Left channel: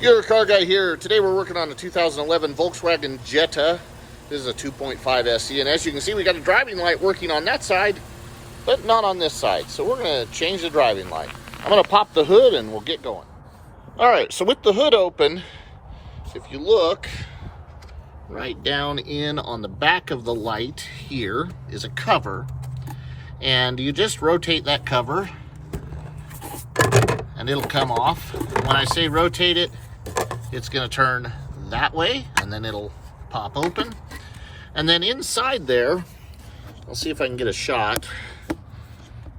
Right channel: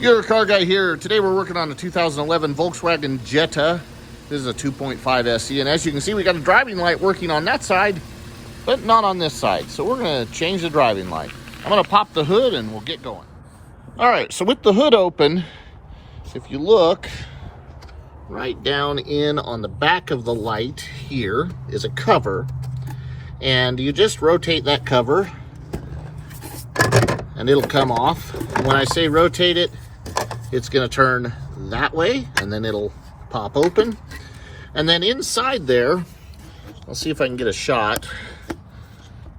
Your car guy here. Today we're working on a 2011 Volkswagen Jetta. This is a 2.5 SE, and as you can see, we got a driving light working on that side, but not on this side. So we're gonna change the driving light. I'm gonna pop the hood and we'll get going. All right, so with the hood open, if you look right down in on the back of the light, here is a cover, and you just rotate that cover and it'll come off. And when I say rotate it, it's going to turn that way, and then it'll pop open. And then inside there, I'll see if I can get a shot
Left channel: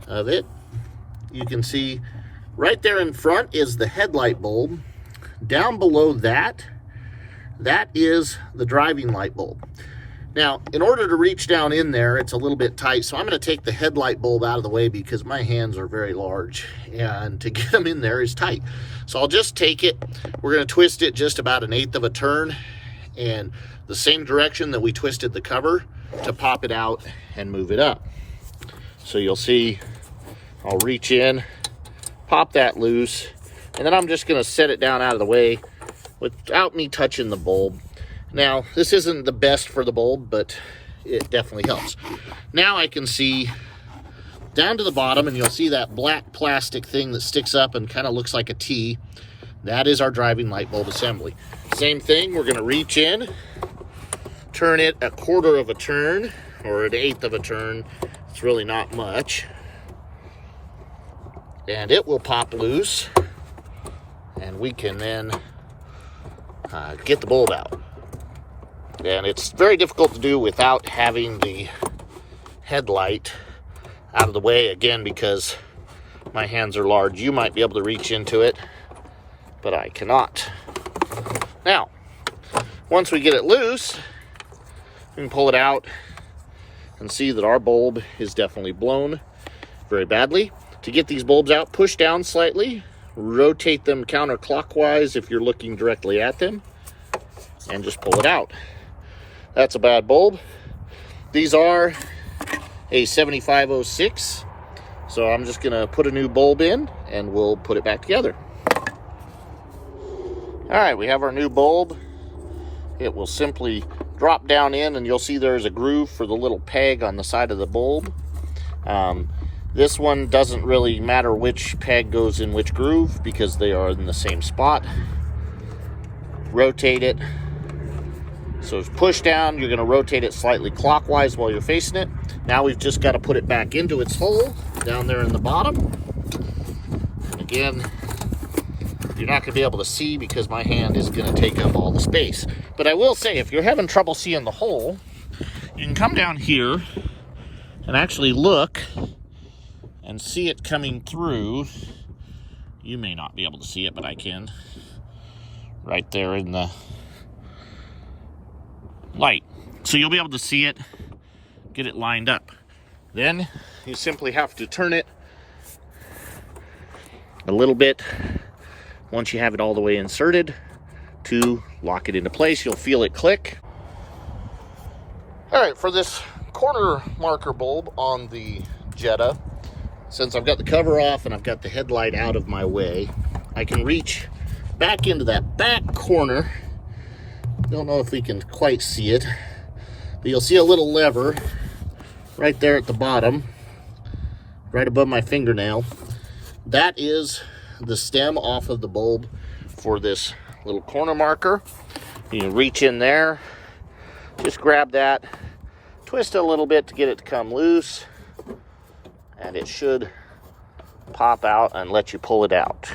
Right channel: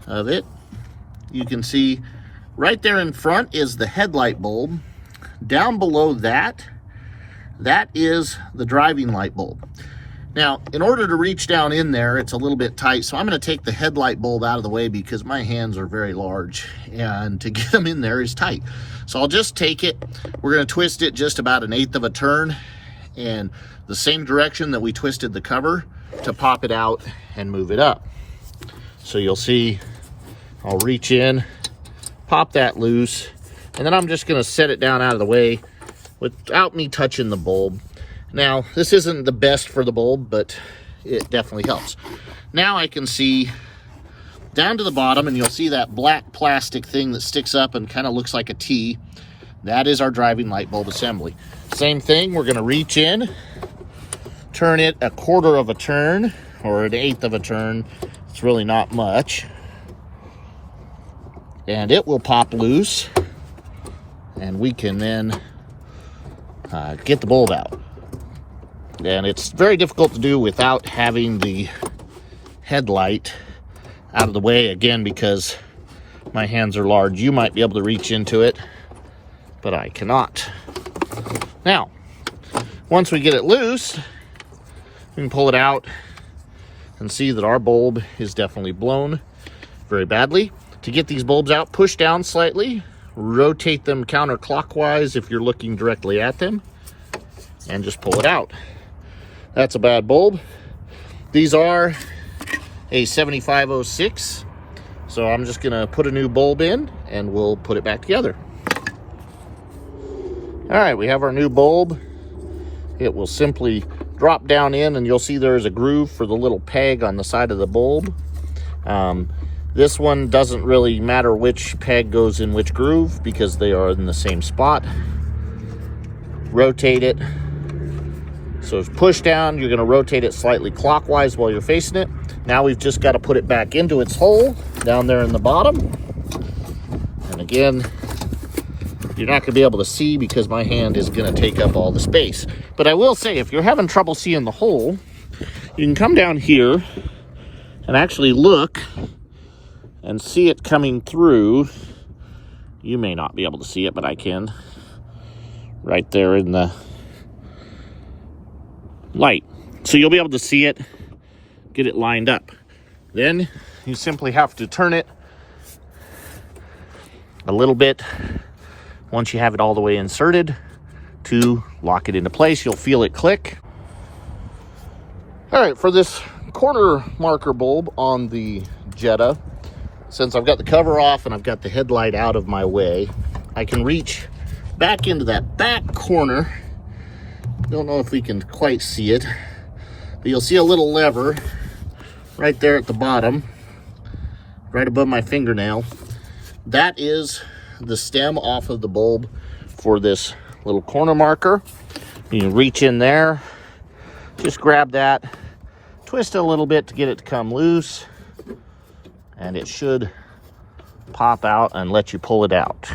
of it. You can see right there in front is the headlight bulb. Down below that, that is the driving light bulb. Now, in order to reach down in there, it's a little bit tight, so I'm going to take the headlight bulb out of the way because my hands are very large, and to get them in there is tight. So I'll just take it, we're going to twist it just about 1/8 of a turn, and the same direction that we twisted the cover to pop it out and move it up. So you'll see, I'll reach in, pop that loose, and then I'm just going to set it down out of the way without me touching the bulb. Now, this isn't the best for the bulb, but it definitely helps. Now I can see down to the bottom, and you'll see that black plastic thing that sticks up and kind of looks like a T. That is our driving light bulb assembly. Same thing, we're gonna reach in, turn it 1/4 of a turn, or 1/8 of a turn. It's really not much. And it will pop loose, and we can then get the bulb out. And it's very difficult to do without having the headlight out of the way, again, because my hands are large. You might be able to reach into it, but I cannot. Now, once we get it loose, we can pull it out and see that our bulb is definitely blown very badly. To get these bulbs out, push down slightly, rotate them counterclockwise if you're looking directly at them, and just pull it out. That's a bad bulb. These are a 7506, so I'm just gonna put a new bulb in and we'll put it back together. All right, we have our new bulb. It will simply drop down in, and you'll see there's a groove for the little peg on the side of the bulb. This one doesn't really matter which peg goes in which groove because they are in the same spot. Rotate it. So it's push down, you're gonna rotate it slightly clockwise while you're facing it. Now we've just gotta put it back into its hole down there in the bottom. And again, you're not gonna be able to see because my hand is gonna take up all the space. But I will say, if you're having trouble seeing the hole, you can come down here and actually look and see it coming through. You may not be able to see it, but I can. Right there in the light. So you'll be able to see it, get it lined up. Then you simply have to turn it a little bit once you have it all the way inserted to lock it into place. You'll feel it click. All right, for this corner marker bulb on the Jetta, since I've got the cover off and I've got the headlight out of my way, I can reach back into that back corner. Don't know if we can quite see it, but you'll see a little lever right there at the bottom, right above my fingernail. That is the stem off of the bulb for this little corner marker. You can reach in there, just grab that, twist it a little bit to get it to come loose, and it should pop out and let you pull it out.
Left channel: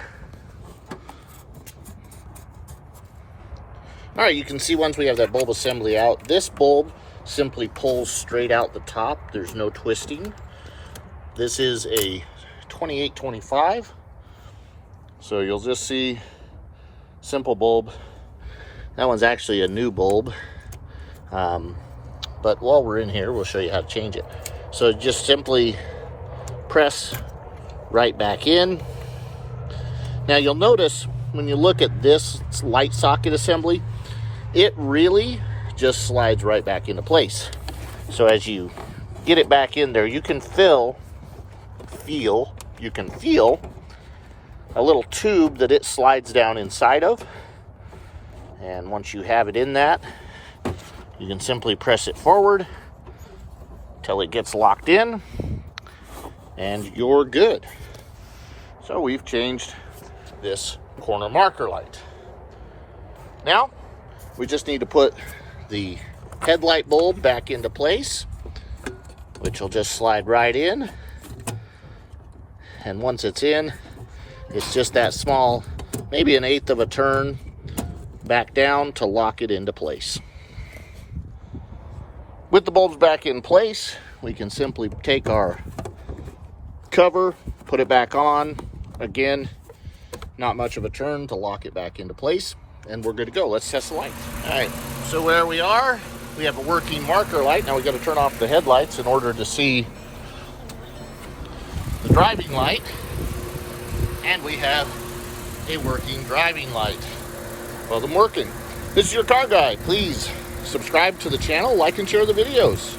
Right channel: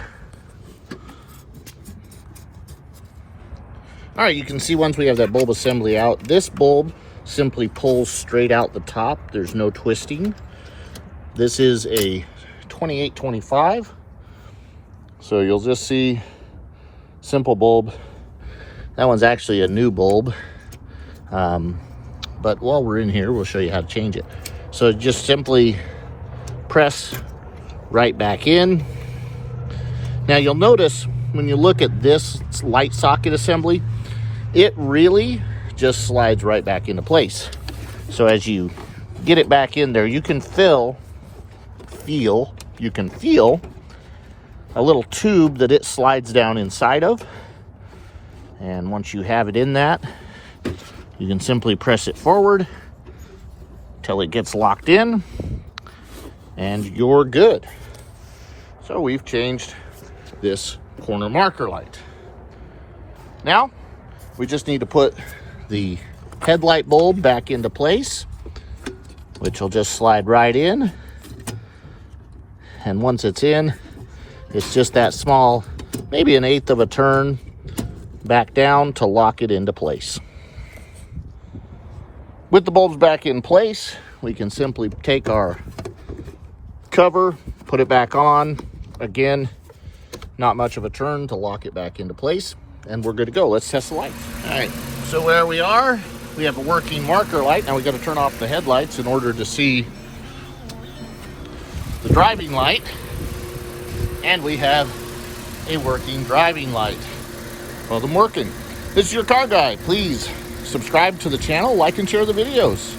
All right, you can see once we have that bulb assembly out, this bulb simply pulls straight out the top. There's no twisting. This is a 2825. So you'll just see simple bulb. That one's actually a new bulb. But while we're in here, we'll show you how to change it. So just simply press right back in. Now you'll notice when you look at this light socket assembly, it really just slides right back into place. So as you get it back in there, you can feel a little tube that it slides down inside of. And once you have it in that, you can simply press it forward till it gets locked in, and you're good. So we've changed this corner marker light. Now, we just need to put the headlight bulb back into place, which will just slide right in. And once it's in, it's just that small, maybe 1/8 of a turn back down to lock it into place. With the bulbs back in place, we can simply take our cover, put it back on. Again, not much of a turn to lock it back into place, and we're good to go. Let's test the lights. All right, so where we are, we have a working marker light. Now we got to turn off the headlights in order to see the driving light, and we have a working driving light. Well, them working. This is your car guide. Please subscribe to the channel, like and share the videos.